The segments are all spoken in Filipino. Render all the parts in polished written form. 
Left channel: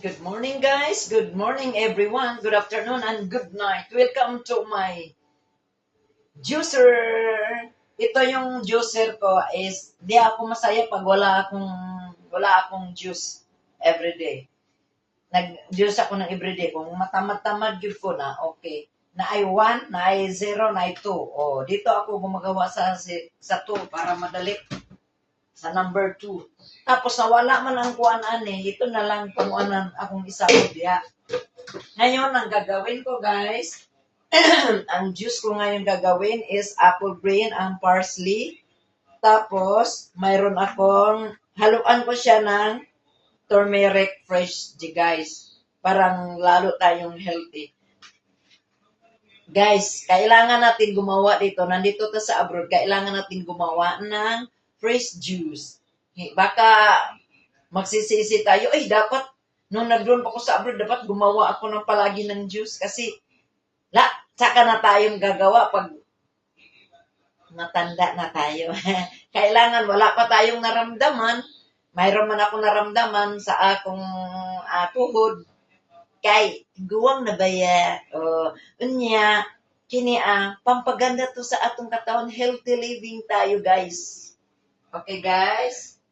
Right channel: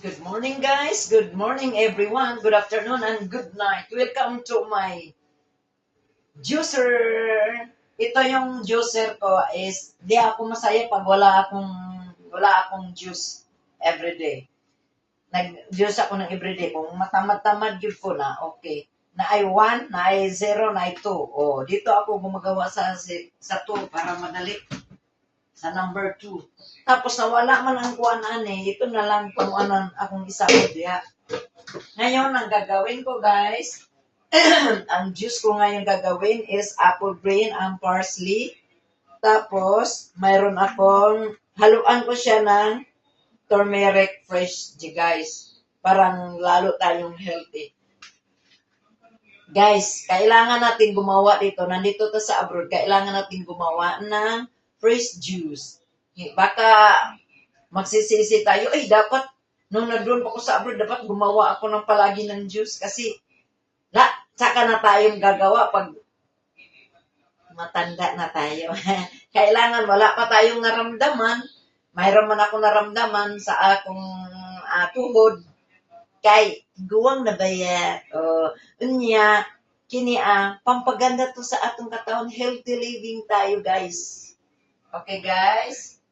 Good morning, guys. Good morning, everyone. Good afternoon and good night. Welcome to my juicer. Ito yung juicer ko is di ako masaya pag wala akong juice everyday. Nag-juice ako ng everyday. Kung matamad-tamad yun ko na, okay. Na ay 1, na ay 0, na ay 2. Oh, dito ako gumagawa sa 2 para madali. Sa number 2. Tapos nawala man ang kuanan ito na lang kung anan akong isabot diya. Ngayon, ang gagawin ko guys, ang juice ko ngayon gagawin is apple green and parsley. Tapos, mayroon akong, haluan ko siya ng turmeric fresh guys. Parang lalo tayong healthy. Guys, kailangan natin gumawa dito. Nandito to sa abroad, kailangan natin gumawa ng fresh juice. Baka magsisisi tayo, dapat, nung nag-drone pa ko sa abroad, dapat gumawa ako ng palagi ng juice kasi, saka na tayong gagawa pag matanda na tayo. Kailangan, wala pa tayong naramdaman. Mayroon man ako naramdaman sa akong tuhod. Kay, guwang na baya. Unya, kini pampaganda to sa atong katawan. Healthy living tayo, guys. Okay, guys?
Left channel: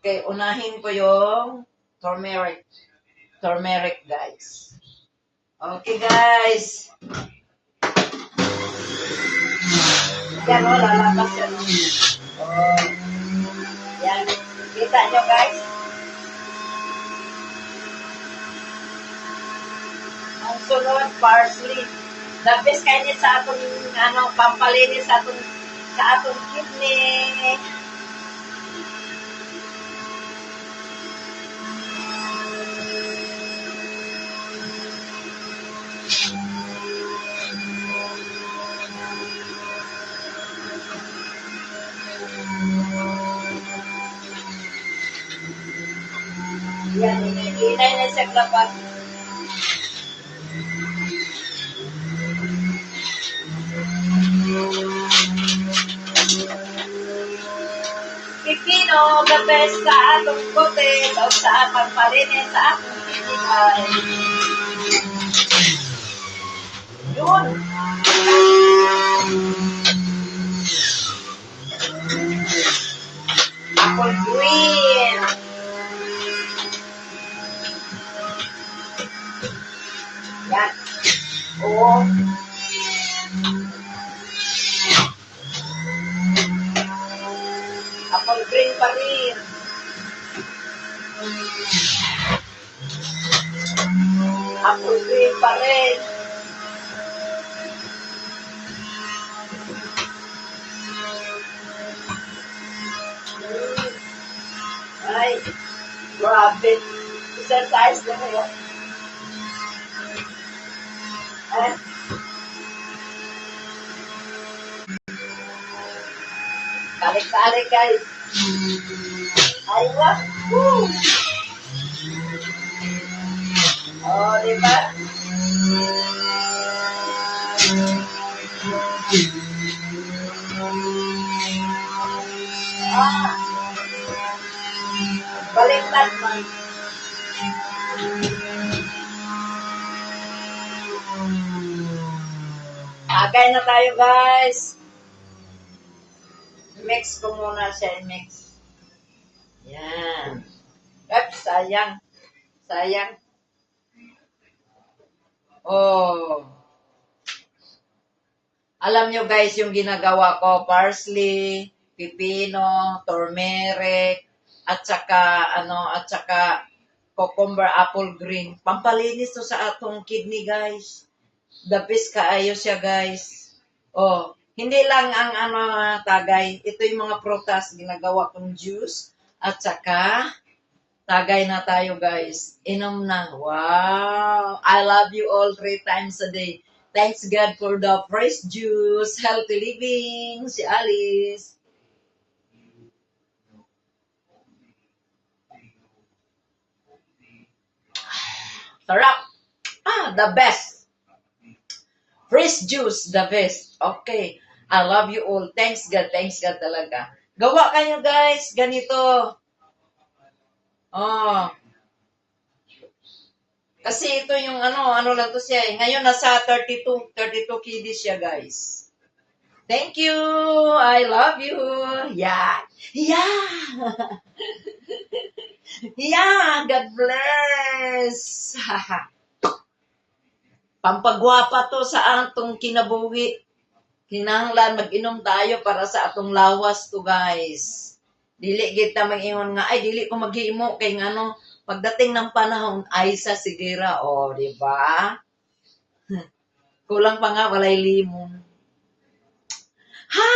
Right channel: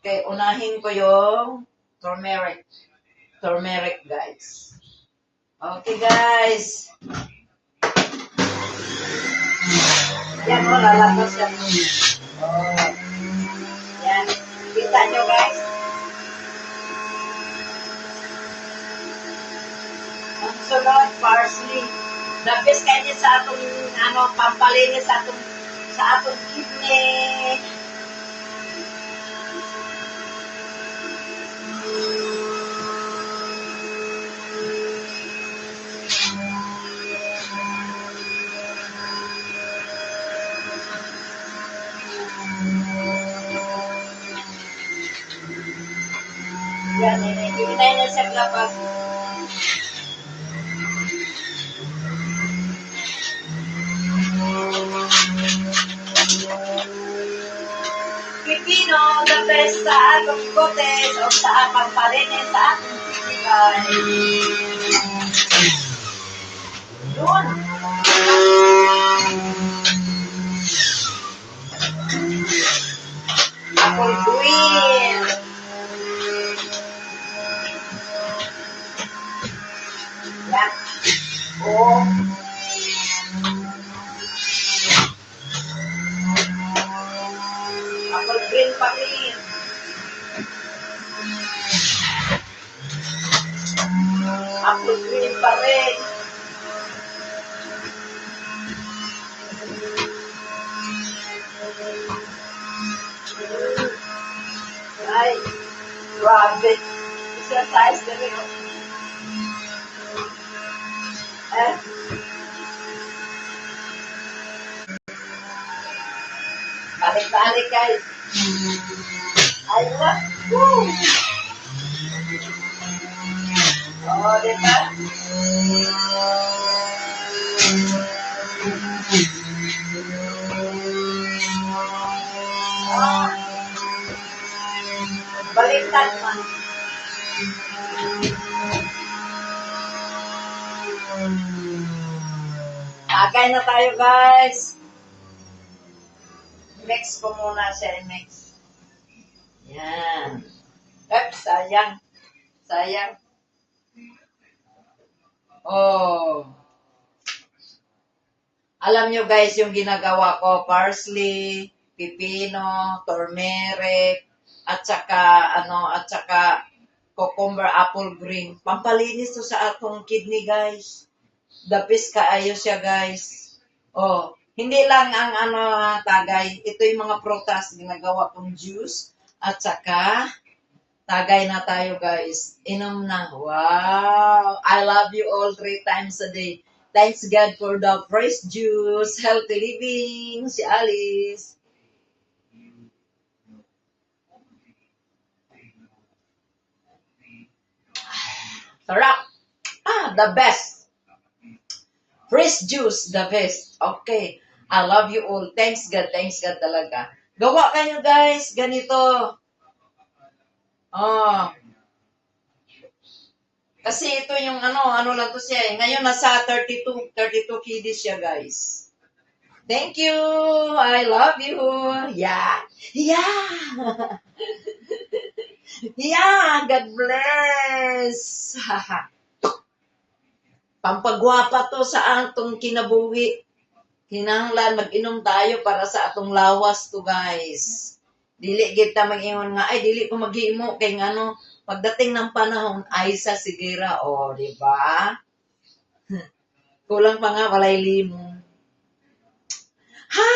Okay, unahin ko yung turmeric. Turmeric, guys. Okay, guys. Yan, lalabas yan. Yan. Kita nyo, guys? Ang sunod, parsley. The best kainin sa atong, pampalinis sa atong kidney. Yan, hinay na siya labas. Pipino, the best sa atong kotes o sa pampalinis sa atong physical. Doon. Apple green. Yan. Apple green pa rin. Apple green pa rin. Ay, grabe. Exercise na rin. Balik-balik guys. Aywa. Woo! Diba? Baliktad man. Agay na tayo guys. Mix ko muna siya, mix. Yan. Sayang. Sayang. Alam nyo guys, yung ginagawa ko, parsley, pipino, turmeric, at saka cucumber, apple green. Pampalinis to sa atong kidney guys. Dapis kaayo siya guys. Hindi lang ang tagay. Ito yung mga prutas, ginagawa kong juice. At saka, tagay na tayo guys. Inom na. Wow! I love you all 3 times a day. Thanks God for the fresh juice. Healthy living. Si Alice. Sarap. The best. Fresh juice, the best. Okay. I love you all. Thanks God talaga. Gawa kayo guys, ganito. Kasi ito yung ano lang to siya eh. Ngayon nasa 32 kg siya, guys. Thank you. I love you. Yeah. Yeah. Yeah. God bless. Pampagwapa to sa atong kinabuhi. Kinahanglan mag-inom tayo para sa atong lawas to, guys. Dili kita mag-ingon nga, ay, dili ko mag-iimo kay ngano, pagdating ng panahon, ay sa sigira, o, di ba? Kulang pa nga, walay limong. Ha!